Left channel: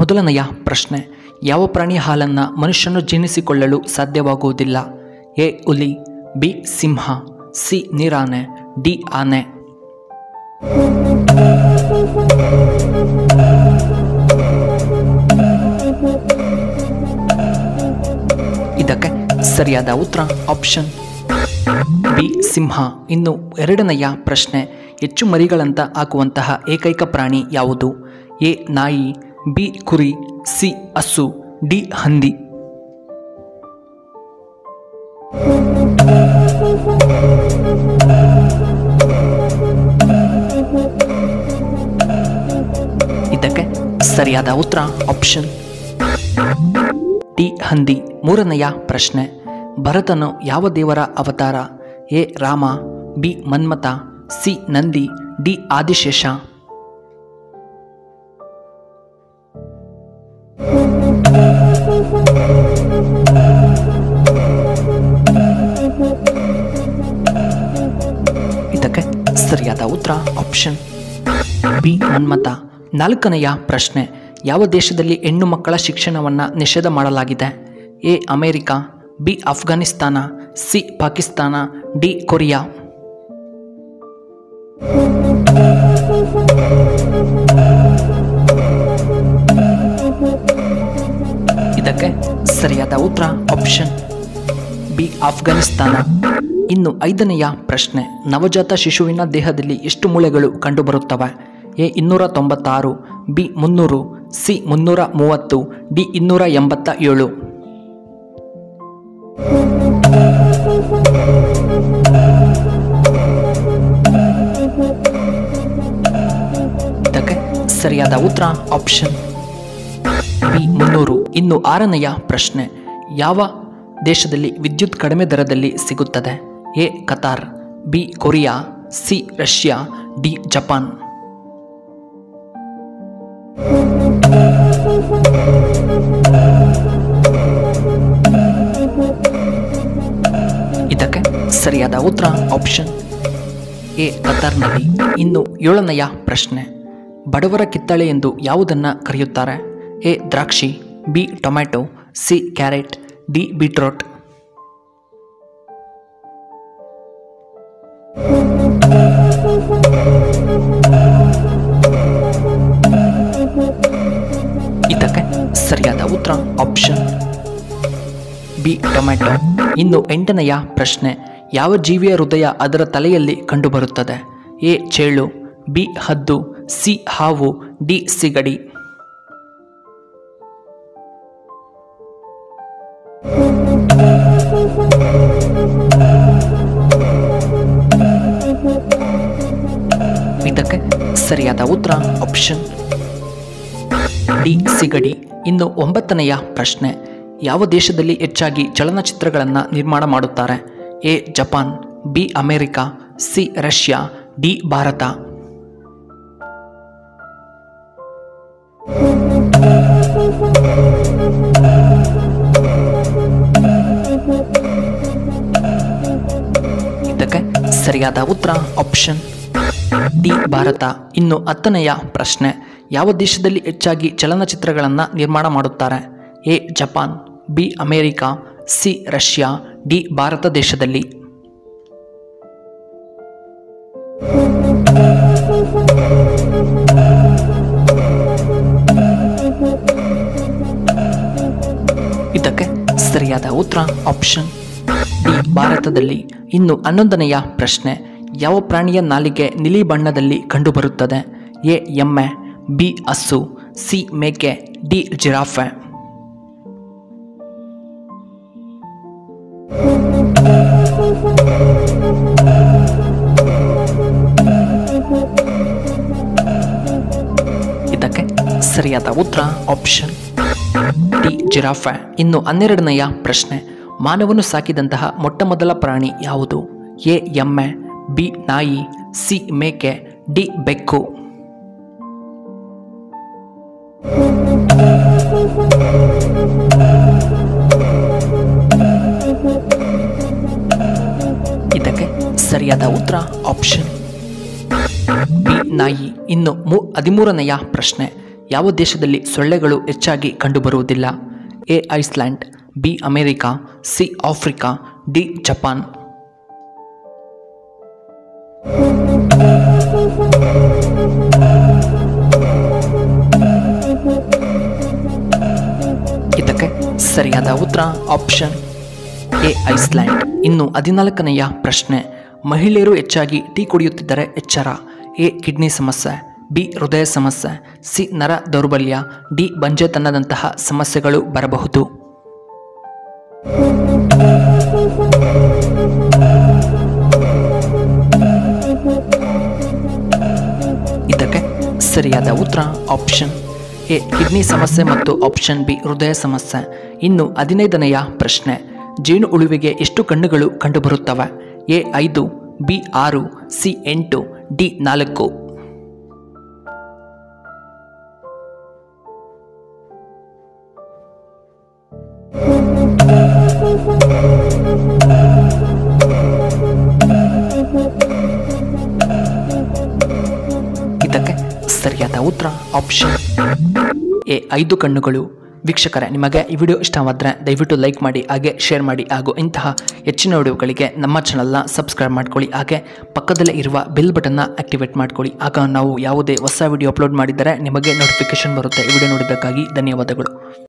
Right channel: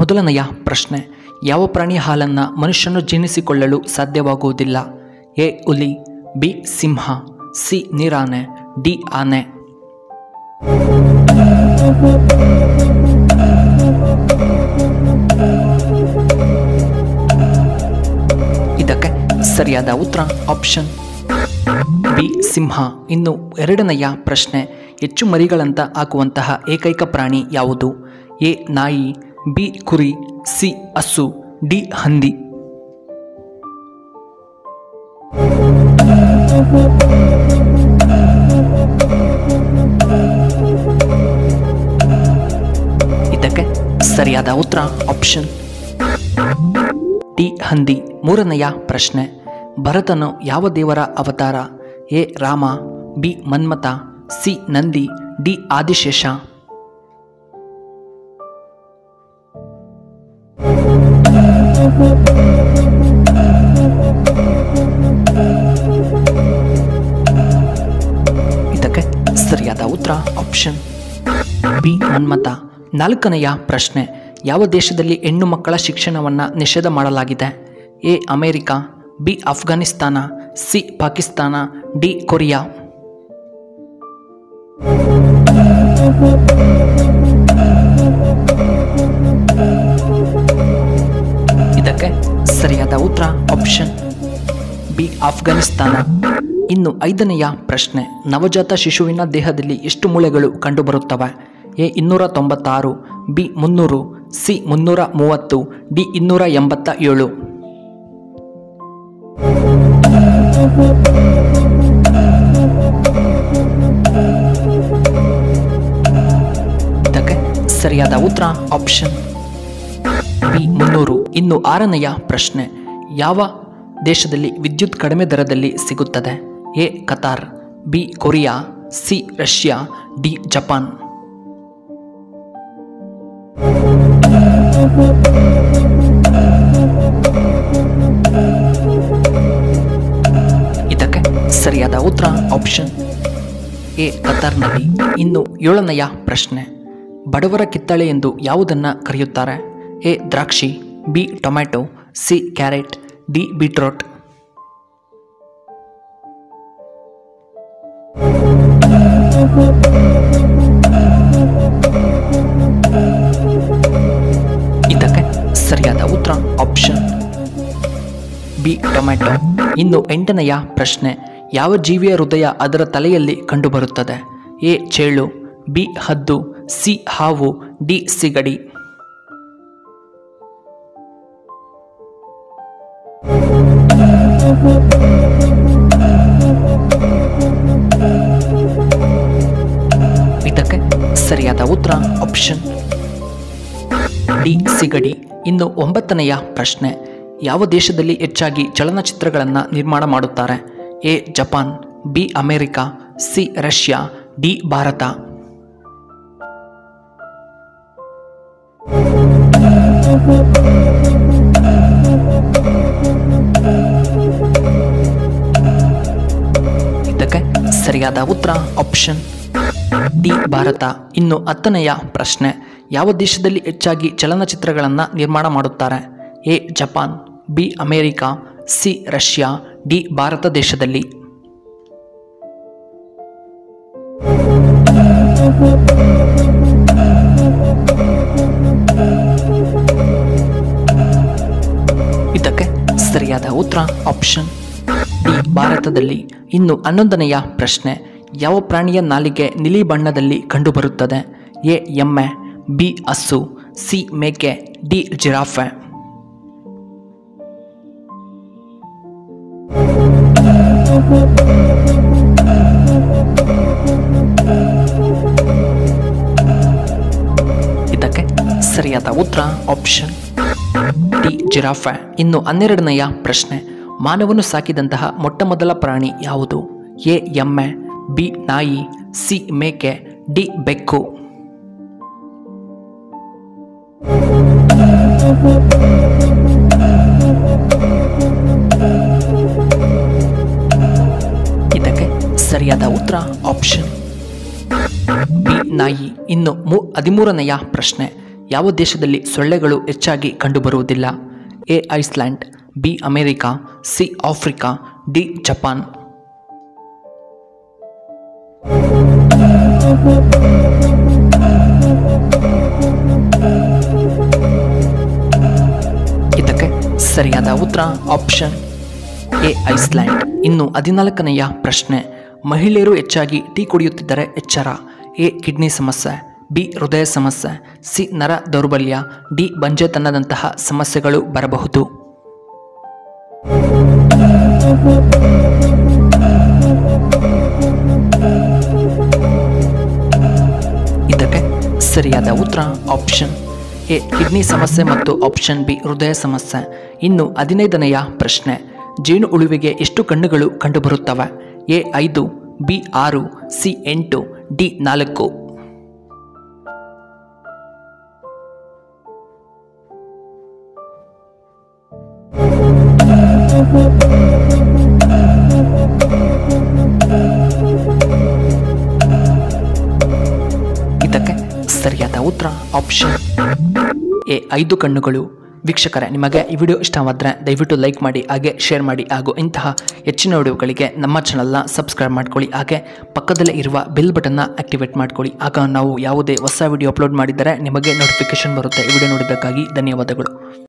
ಮೊದಲನೆಯ ಪ್ರಶ್ನೆ, ಯಾವ ಪ್ರಾಣಿಯ ಹಾಲನ್ನು ಮನುಷ್ಯನು ಜೀರ್ಣಿಸಿಕೊಳ್ಳಲು ಸಾಧ್ಯವಾಗುವುದಿಲ್ಲ? ಎ ಹುಲಿ, ಬಿ ಸಿಂಹ, ಸಿ ನೀರಾನೆ, ಡಿ ಆನೆ. ಇದಕ್ಕೆ ಸರಿಯಾದ ಉತ್ತರ ಆಪ್ಷನ್ ಬಿ ಸಿಂಹ. ಇನ್ನು ಎರಡನೆಯ ಪ್ರಶ್ನೆ, ಹೆಚ್ಚು ಮರಿಗಳಂತ ಹಾಕುವಂತಹ ಏಕೈಕ ಪ್ರಾಣಿ ಯಾವುದು? ಎ ನಾಯಿ, ಬಿ ಕುರಿ, ಸಿ ಹಸು, ಡಿ ಹಂದಿ. ಇದಕ್ಕೆ ಸರಿಯಾದ ಉತ್ತರ ಆಪ್ಷನ್ ಡಿ ಹಂದಿ. ಮೂರನೆಯ ಪ್ರಶ್ನೆ, ಭರತನು ಯಾವ ದೇವರ ಅವತಾರ? A Rama, B Manmatha, C Nandi, D Adishesha. ಇದಕ್ಕೆ ಸರಿಯಾದ ಉತ್ತರ ಆಪ್ಷನ್ ಬಿ ಮನ್ಮಥ. ನಾಲ್ಕನೆಯ ಪ್ರಶ್ನೆ, ಯಾವ ದೇಶದಲ್ಲಿ ಹೆಣ್ಣು ಮಕ್ಕಳ ಶಿಕ್ಷಣವನ್ನು ನಿಷೇಧ ಮಾಡಲಾಗಿದೆ? A America, B Afghanistan, C Pakistan, D Korea. ಇದಕ್ಕೆ ಸರಿಯಾದ ಉತ್ತರ ಆಪ್ಷನ್ ಬಿ ಅಫ್ಘಾನಿಸ್ತಾನ. ಇನ್ನು ಐದನೆಯ ಪ್ರಶ್ನೆ, ನವಜಾತ ಶಿಶುವಿನ ದೇಹದಲ್ಲಿ ಎಷ್ಟು ಮೂಳೆಗಳು ಕಂಡುಬರುತ್ತವೆ? A 296, B 300, C 330, D 287. ಇದಕ್ಕೆ ಸರಿಯಾದ ಉತ್ತರ ಆಪ್ಷನ್ ಬಿ 300. ಇನ್ನು ಆರನೆಯ ಪ್ರಶ್ನೆ, ಯಾವ ದೇಶದಲ್ಲಿ ವಿದ್ಯುತ್ ಕಡಿಮೆ ದರದಲ್ಲಿ ಸಿಗುತ್ತದೆ? A Qatar, B Korea, C Russia, D Japan. ಇದಕ್ಕೆ ಸರಿಯಾದ ಉತ್ತರ ಆಪ್ಷನ್ ಎ ಕತಾರ್ನಲ್ಲಿ. ಇನ್ನು ಏಳನೆಯ ಪ್ರಶ್ನೆ, ಬಡವರ ಕಿತ್ತಳೆ ಎಂದು ಯಾವುದನ್ನು ಕರೆಯುತ್ತಾರೆ? ಎ ದ್ರಾಕ್ಷಿ, B tomato, C carrot, D beetroot. ಇದಕ್ಕೆ ಸರಿಯಾದ ಉತ್ತರ ಆಪ್ಷನ್ ಬಿ ಟೊಮ್ಯಾಟೊ. ಇನ್ನು ಎಂಟನೆಯ ಪ್ರಶ್ನೆ, ಯಾವ ಜೀವಿಯ ಹೃದಯ ಅದರ ತಲೆಯಲ್ಲಿ ಕಂಡುಬರುತ್ತದೆ? ಎ ಚೇಳು, ಬಿ ಹದ್ದು, ಸಿ ಹಾವು, ಡಿ ಸಿಗಡಿ. ಇದಕ್ಕೆ ಸರಿಯಾದ ಉತ್ತರ ಆಪ್ಷನ್ ಡಿ ಸಿಗಡಿ. ಇನ್ನು ಒಂಬತ್ತನೆಯ ಪ್ರಶ್ನೆ, ಯಾವ ದೇಶದಲ್ಲಿ ಹೆಚ್ಚಾಗಿ ಚಲನಚಿತ್ರಗಳನ್ನು ನಿರ್ಮಾಣ ಮಾಡುತ್ತಾರೆ? A Japan, B America, C Russia, D Bharat. ಇದಕ್ಕೆ ಸರಿಯಾದ ಉತ್ತರ ಆಪ್ಷನ್ ಡಿ ಭಾರತ. ಇನ್ನು ಹತ್ತನೆಯ ಪ್ರಶ್ನೆ, ಯಾವ ದೇಶದಲ್ಲಿ ಹೆಚ್ಚಾಗಿ ಚಲನಚಿತ್ರಗಳನ್ನು ನಿರ್ಮಾಣ ಮಾಡುತ್ತಾರೆ? A Japan, B America, C Russia, D Bharat ದೇಶದಲ್ಲಿ. ಇದಕ್ಕೆ ಸರಿಯಾದ ಉತ್ತರ ಆಪ್ಷನ್ ಡಿ ಭಾರತದಲ್ಲಿ. ಇನ್ನು 11ನೆಯ ಪ್ರಶ್ನೆ, ಯಾವ ಪ್ರಾಣಿಯ ನಾಲಿಗೆ ನೀಲಿ ಬಣ್ಣದಲ್ಲಿ ಕಂಡುಬರುತ್ತದೆ? ಎ ಎಮ್ಮೆ, ಬಿ ಹಸು, ಸಿ ಮೇಕೆ, ಡಿ ಜಿರಾಫೆ. ಇದಕ್ಕೆ ಸರಿಯಾದ ಉತ್ತರ ಆಪ್ಷನ್ ಡಿ ಜಿರಾಫೆ. ಇನ್ನು 12ನೆಯ ಪ್ರಶ್ನೆ, ಮಾನವನು ಸಾಕಿದಂತಹ ಮೊಟ್ಟಮೊದಲ ಪ್ರಾಣಿ ಯಾವುದು? ಎ ಎಮ್ಮೆ, ಬಿ ನಾಯಿ, ಸಿ ಮೇಕೆ, ಡಿ ಬೆಕ್ಕು. ಇದಕ್ಕೆ ಸರಿಯಾದ ಉತ್ತರ ಆಪ್ಷನ್ ಬಿ ನಾಯಿ. ಇನ್ನು 13ನೆಯ ಪ್ರಶ್ನೆ, ಯಾವ ದೇಶದಲ್ಲಿ ಸೊಳ್ಳೆಗಳು ಹೆಚ್ಚಾಗಿ ಕಂಡುಬರುವುದಿಲ್ಲ? A Iceland, B America, C Africa, D Japan. ಇದಕ್ಕೆ ಸರಿಯಾದ ಉತ್ತರ ಆಪ್ಷನ್ ಎ ಐಸ್ಲ್ಯಾಂಡ್. ಇನ್ನು 14ನೆಯ ಪ್ರಶ್ನೆ, ಮಹಿಳೆಯರು ಹೆಚ್ಚಾಗಿ ಟೀ ಕುಡಿಯುತ್ತಿದ್ದರೆ ಎಚ್ಚರ. ಎ ಕಿಡ್ನಿ ಸಮಸ್ಯೆ, ಬಿ ಹೃದಯ ಸಮಸ್ಯೆ, ಸಿ ನರ ದೌರ್ಬಲ್ಯ, ಡಿ ಬಂಜೆತನದಂತಹ ಸಮಸ್ಯೆಗಳು ಬರಬಹುದು. ಇದಕ್ಕೆ ಸರಿಯಾದ ಉತ್ತರ ಆಪ್ಷನ್ ಎ ಕಿಡ್ನಿ ಸಮಸ್ಯೆ ಮತ್ತು ಆಪ್ಷನ್ ಬಿ ಹೃದಯ ಸಮಸ್ಯೆ. ಇನ್ನು 15ನೆಯ ಪ್ರಶ್ನೆ, ಜೇನು ಹುಳುವಿಗೆ ಎಷ್ಟು ಕಣ್ಣುಗಳು ಕಂಡುಬರುತ್ತವೆ? A 5, B 6, C 8, D 4. ಇದಕ್ಕೆ ಸರಿಯಾದ ಉತ್ತರ ಆಪ್ಷನ್ ಎ 5 ಕಣ್ಣುಗಳು. ವೀಕ್ಷಕರೇ, ನಿಮಗೆ ಈ ವಿಡಿಯೋ ಇಷ್ಟವಾದರೆ ದಯವಿಟ್ಟು ಲೈಕ್ ಮಾಡಿ, ಹಾಗೆ ಶೇರ್ ಮಾಡಿ, ಹಾಗೂ ಇಂತಹ ಹೆಚ್ಚಿನ ವಿಡಿಯೋಗಳಿಗೆ ನಮ್ಮ ಚಾನಲ್ನ ಸಬ್ಸ್ಕ್ರೈಬ್ ಮಾಡ್ಕೊಳ್ಳಿ. ಹಾಗೆ ಪಕ್ಕದಲ್ಲೇ ಇರುವ ಬೆಲ್ ಬಟನ್ನ ಆಕ್ಟಿವೇಟ್ ಮಾಡ್ಕೊಳ್ಳಿ. ಆಗ ನಾವು ಯಾವುದೇ ಹೊಸ ವಿಡಿಯೋ ಅಪ್ಲೋಡ್ ಮಾಡಿದರೆ ನಿಮಗೆ ನೋಟಿಫಿಕೇಶನ್ ಬರುತ್ತೆ. ಈ ವಿಡಿಯೋ ನೋಡಿದ್ದಕ್ಕಾಗಿ ಧನ್ಯವಾದಗಳು.